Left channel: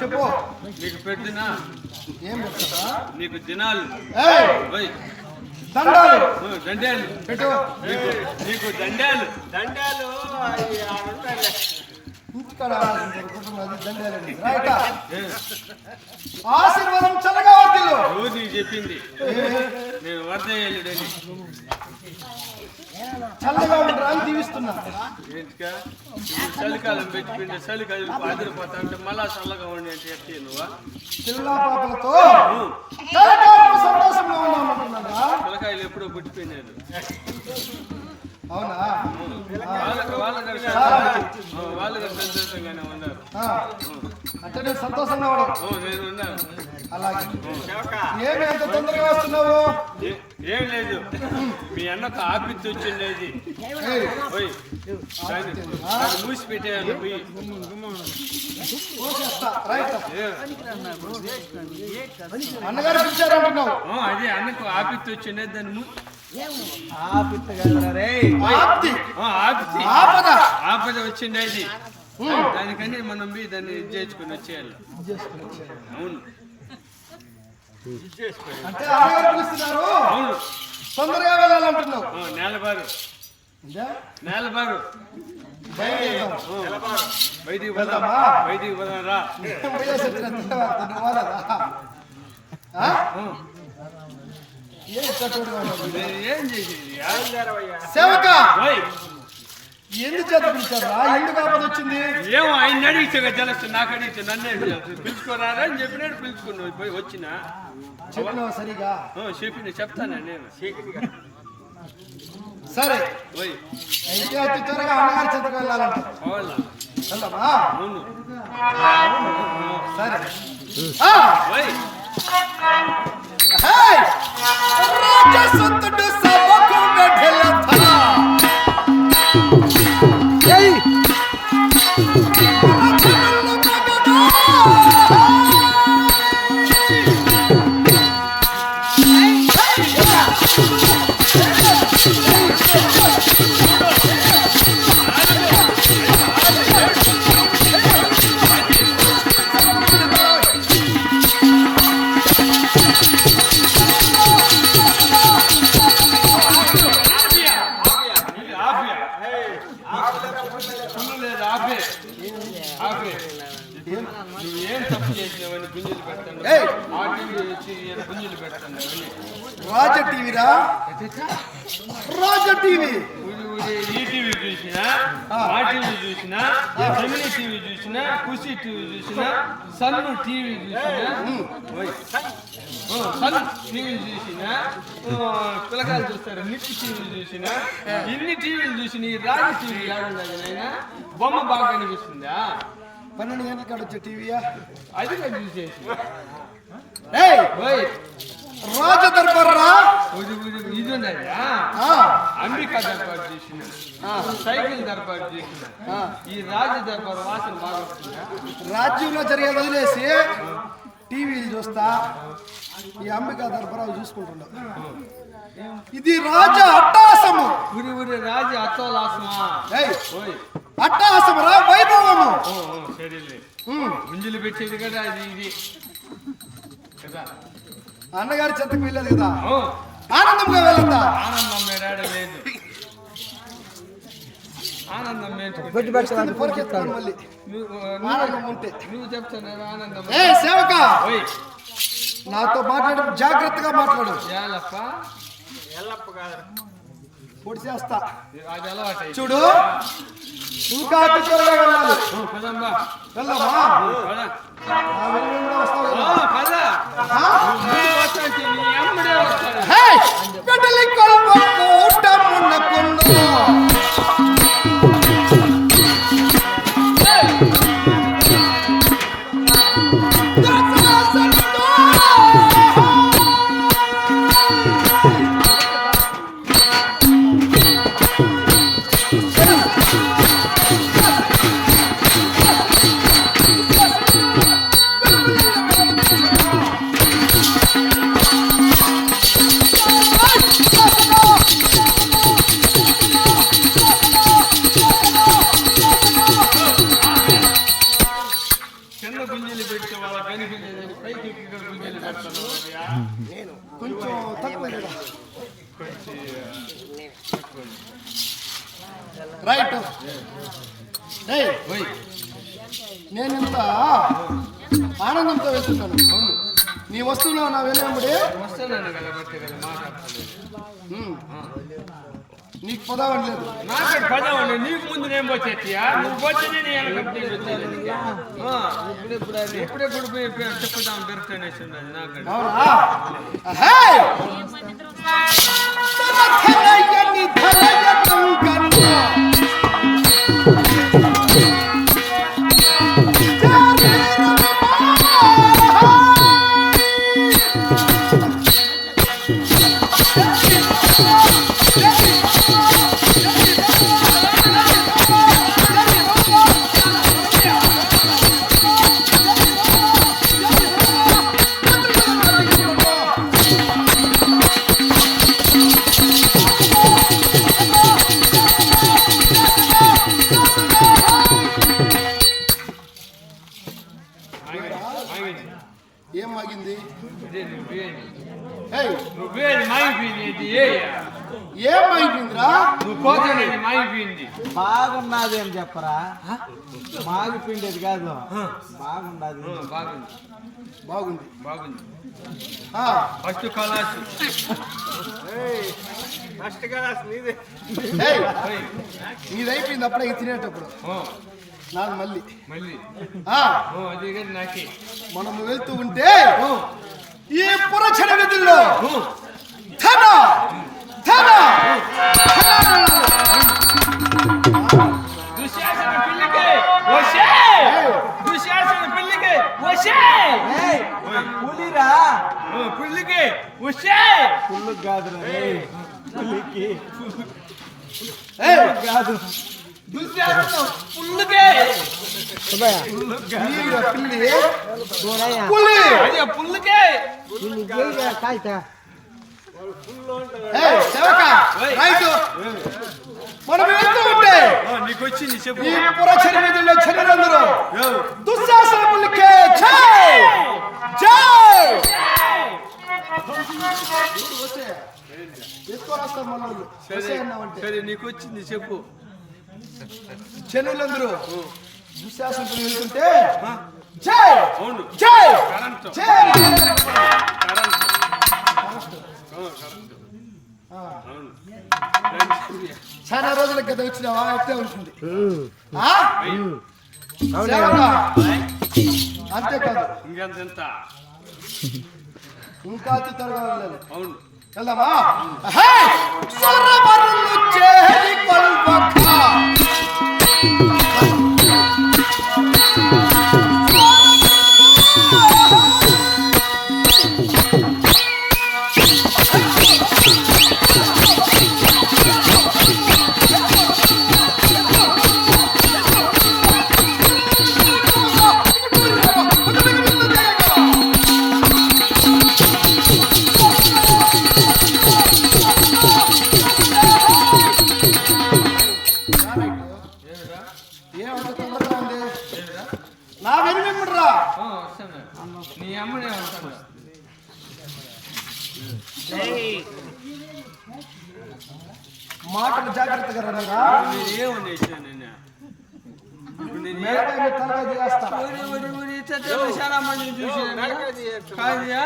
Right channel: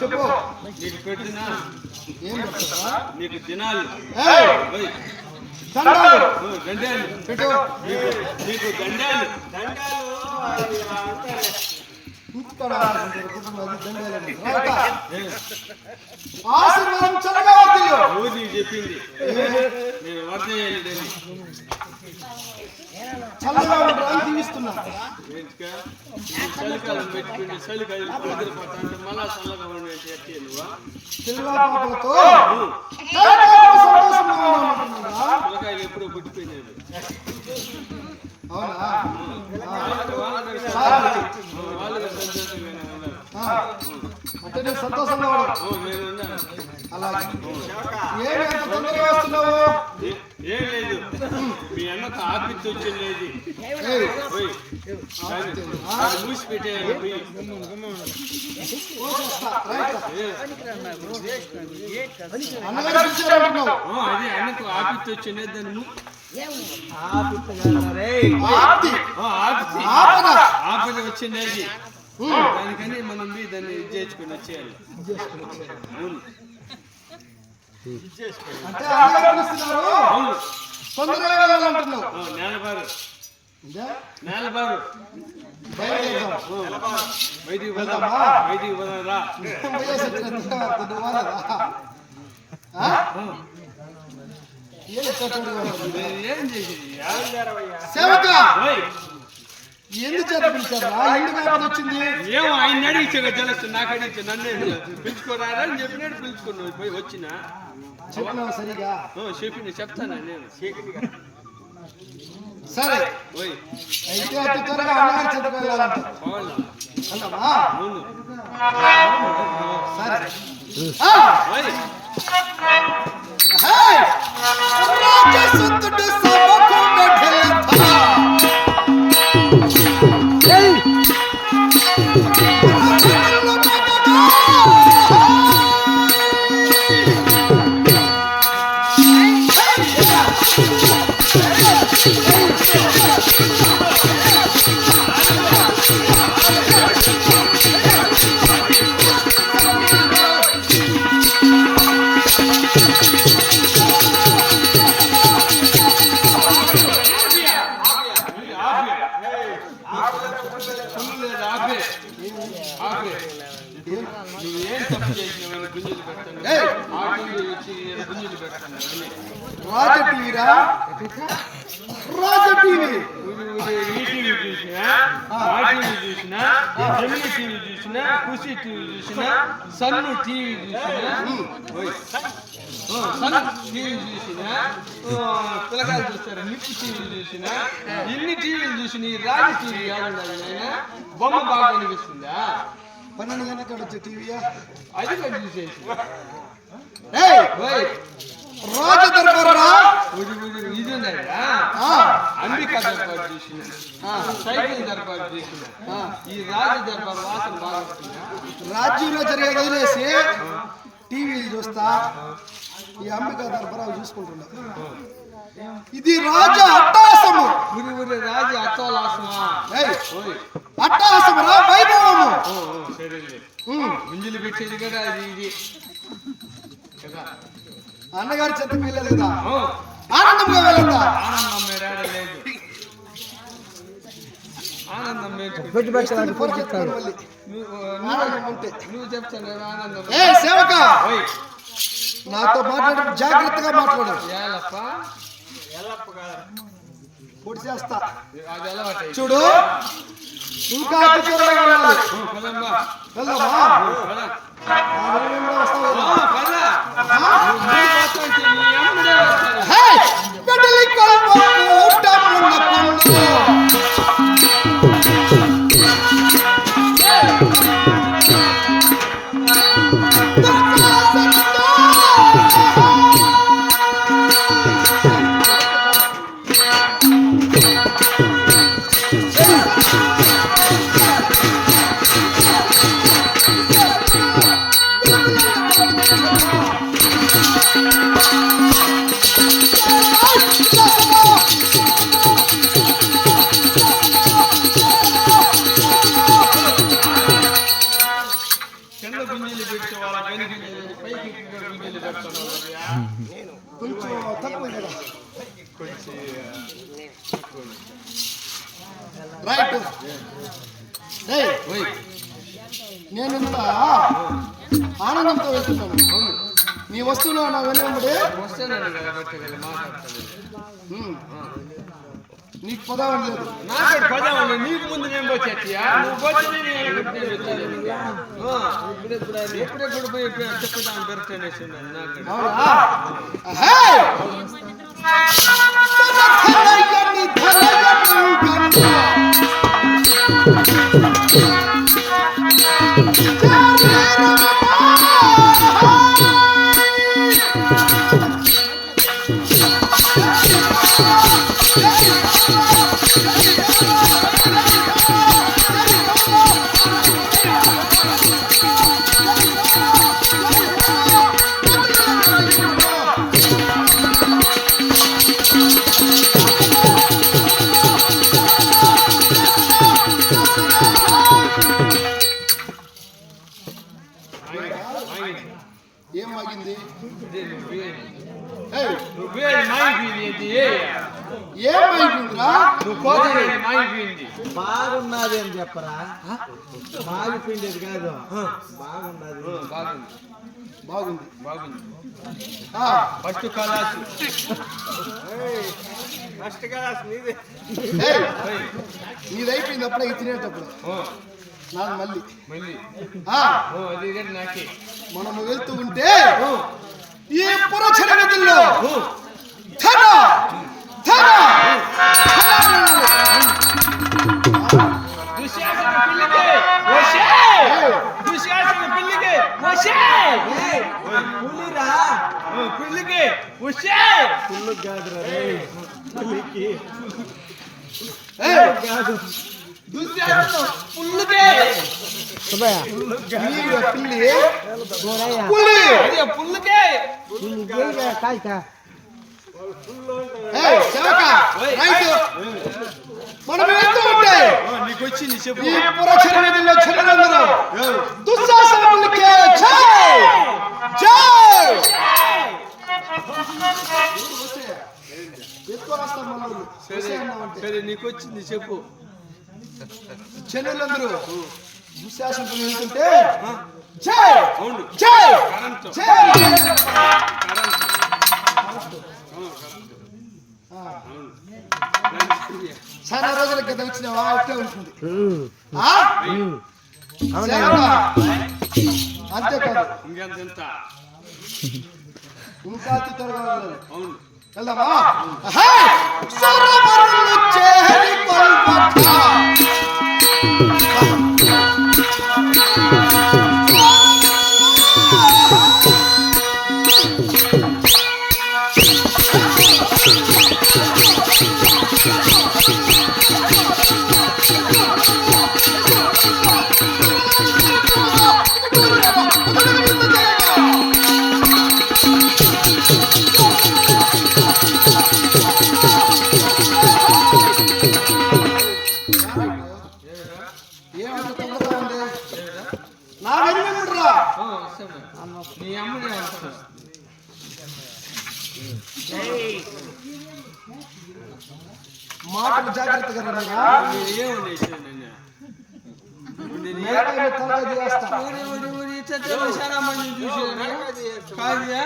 చెప్పు నీకు పెడుతున్నా ఏం పెడతావా నీకు దినాలు దండాలు దండాలు పెట్టు నీకు దండాలు దండాలు ఆశీర్వాదం చల్లగా వర్దిల్లు నీకు చెప్పింది నేను వర్దేయాలి చల్లగా ఉండడానికి దీవిస్తున్నా ఇప్పుడు చలికాలం పెట్టుకుంటే చలికాయలు ఆదిరిపోతా అంటే మళ్ళా చల్లగా ఉండి అంటే ఎట్టి నువ్వా పిల్ల పాపలతో సంతోషంగా ఉన్నామంటున్నా పిల్లకాయలు ఎప్పుడో పుట్టిపోయినారు అవునా వాళ్ళగా సంతోషంగానే ఉన్నారు అంటే నేను సంతోషంగా ఉన్నాను నేను ఉన్నాను అలాగే ఏమి ఎంత తొందరగా వస్తున్నావు ఏం లేదు మీ అన్నకు ఆపిచ్చి వచ్చిండేది మూసి పెట్టేయాలి పోయి అన్నగారు పిలిచారంటున్నావు అదే అన్నకు ఆపిచ్చి వచ్చిండేది దాన్ని ఆపద వచ్చిండేది దానికని మనం దాన్ని చేసుకుని వచ్చేయాలి అవును అంటే అవును తొందరగా వెళ్ళాలంటున్నావు నేలబారు నేలబారు బయటికి పోదామా బయటికి పోదాం రా ఏం చేసేది సేవక ఎందుకు చేత పిలిచారా? ఎందుకు ఆపద వచ్చింది? ఏమో ఆయన అడిగితే తెలుసు, నాకు అడిగితే నన్ను పిలుచుకోరారా అని చెప్పినాడు. పిలుచుకున్నావు పోయి వచ్చిన చెప్పినావు సరిగా చెప్తాను నేను. సరే పోయి అయితే అతి త్వరగా అన్నగారి చెంతకు వెళ్ళాలంట. వెళ్దామా? సరే రాజసంతుడు సభకు మెఢలథ నువ్వేం తప్పు చేసినావని గుంజులు పెడతాను. గుంజులు పెడతాను. రాజ టీవీరా? రాజ టీవీ ఈటీవీ చూసినా, ఆ టీవీ చూసినా, జమిని టీవీ చూసినా, ఖుషి టీవీ చూసినా, సన్ను టీవీ చూసినా, సన్ టీవీ చూసినా, పిల్లకాయలు చూస్తారు నిప్పు టీవీ చూసినా, ఇన్ని టీవీలు చూసిన ఈ రాజ టీవీ కాదు నాయన. బొమ్మ బాగా కనిపిస్తుందా? 12 గంటల కాడ వచ్చే టీవీయా? అది చూసేసి రాజ దర్బార్ రా. ఇది అంబికా దర్బార్ చూసిన, సైకిల్ దర్బార్ చూసిన, ఈ రాజ దర్బార్ వాసన బాగా వస్తుందా? రాజ్యంలో జరిగేది వదిలేసి టీవీలు చూస్తా, ఈ అంబికా దర్బార్ అవి చూసుకుంటున్నా. ఇది రాజ అట్టాసము. రాజు అట్టోలాసమా? అట్టాసము రా, వైభవము. గుంజులు పెట్టేది కదా ఇది కదా. అన్నగారి చెంతకు వెళ్ళదు కదా, ఆనందంగా వెళ్ళద్దా? ఆనందం లేదు, ఆనందం పొరకెత్తుకోను మళ్ళీ. ఆనందం ఉంటే నువ్వు చెప్తాను ఆనందం. సేవక నాతో మాట్లాడు, జాగ్రత్తగా మాట్లాడు. పొడి చేస్తా చూడు. ఇంకా అతి త్వరగా వెళ్ళాలి. వెళ్దామా? బిడ్డలి కొల్వ కూటమున్న కొన్ను కొంచెం తక్కువ కదా. రైట్. నేనింత ఆనందంతో వెళ్తున్నాను. నీ వస్తువులో నా వెనుకంబడి నీకు పదావని లేదు, నాకు పదావని. నీకు ముందు నేను వచ్చేయా, నువ్వు పోతే ఎప్పుడెప్పుడు పోయి చెప్పదాం దొరుకుతానేసి ఉన్నది నాకు. అవునా? ఏం మాగింది? ఏమైపోయిందిరా మాగిపోయింది. బాగున్నది అని చెప్పరా, మాగిపోయింది కాదు, బాగున్నది. బాగుంది బాగుంది బాగుంది. ఆ, ఫస్ట్ కలాసు. ఏయ్, నీది అయిపోయింది అప్పుడే ఇది తినేటప్పుడు నాకు మళ్ళీ మళ్ళీ ఆ, అది కానీ నాకే. మనము వెళ్తూ ఉంటే ఈ పురచర విధుల్లో ధన ధన ధన దుశ్శాసన పిల్లికి వశే. దుశ్శాసన పిల్లికి వశే. ఏయ్, పులిరా, పిల్లికి వశే. పుల్లు కాదురా రే, పులికి ఏయ్, కాదు. దుశ్శాసన పుల్లికి. పిల్లి పిల్లి దూరయ్యా, పులి అదే పుల్లికి. దీన్ని గెలిగా కాయతా. ఏయ్, సేవక రైతు మనం వెళ్తూ ఉంటే నీకు వచ్చింది చెప్పు. ఈ పురచర విధుల్లో చెడ్డలందరూ దుశ్శాసనములకే జై జై ఎత్తుకొని వస్తాం మనోళ్ళు సరే అన్నామంటే సరే నీకు వచ్చింది చెప్పు. చెన్నులందరూ దుశ్శాసనములు వెళ్తుంటే జై అవును జై కరెంట్ జై కరెంట్ ఆ, అవును. చాలా రోజుల క్రితం వచ్చినావా ఇట్లా ఉంటుంది ఆ? సేవక, అంతేకాదు ఇంకెంత ఇంకా త్వరగా వెళ్ళాలి అవును. వెళ్దామా హే! సరవరులు చేరి కొల్పట. ఏమంత తొందరగా ఉంది నా వెనుమిమ్ముడ్రా వస్తాను. నీ అమ్మనే వస్తాను. మాటలు జాగ్రత్తగా రండిరా నేను ఏమని నిన్న ఇప్పుడు నేను మేడకాయ మీద తలకాయ చేస్తా ఇట్టలు చాలా మందిని చూసినాను కాదుయా.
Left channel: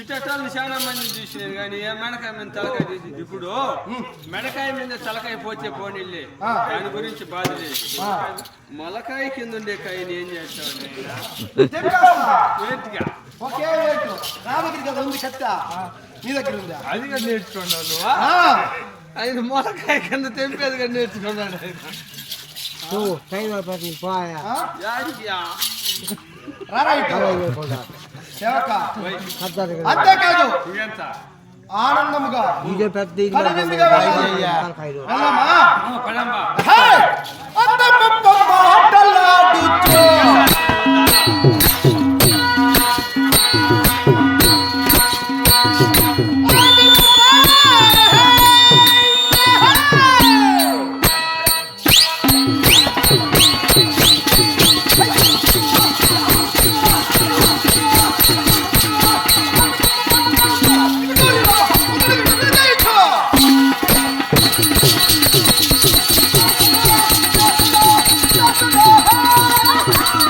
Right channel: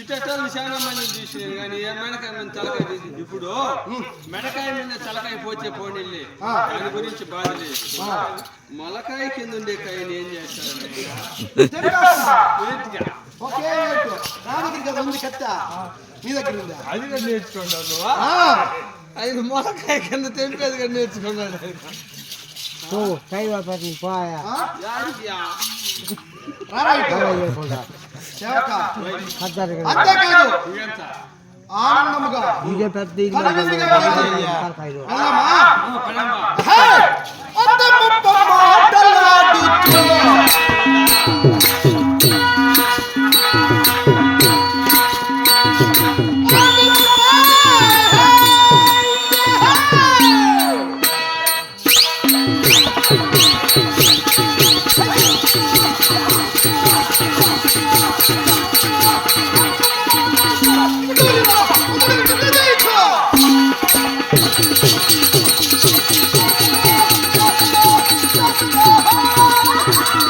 ఇట్టలు చాలా మందిని చూసినాను కానీ ఏ మెడకాయ మీద తలకాయ తీసి ఇప్పుడు మెడకాయ మీద తలకాయ పోచే పోనీళ్ళే ఆ. దాని గురించి బాధ లేదు. ఆ, మొలకాయ కింద ఉండే కాయని ఏం చేస్తావు తెంపేస్తా. వేటిగా ఒకే ఏటు నా దగ్గర కదా ఉంది కత్త నీ దగ్గర ఉందా అది కూడా నేర్చుకున్నావు నువ్వు. ఆ, ఆయన మొలకాయ కింద తెంపేది కూడా నేర్చుకున్నాడు ఆయన. పోయా ఆ? యాడికియా? రారా ఇటు. సేవక వై, అంతేకాదు ఇదెంత? ఆనందముగా ఇదే పెద్ద కనువిందుగా వెళ్ళాలి. వెళ్దామా పడంబా. హే! అందమ్మ మాటలాడు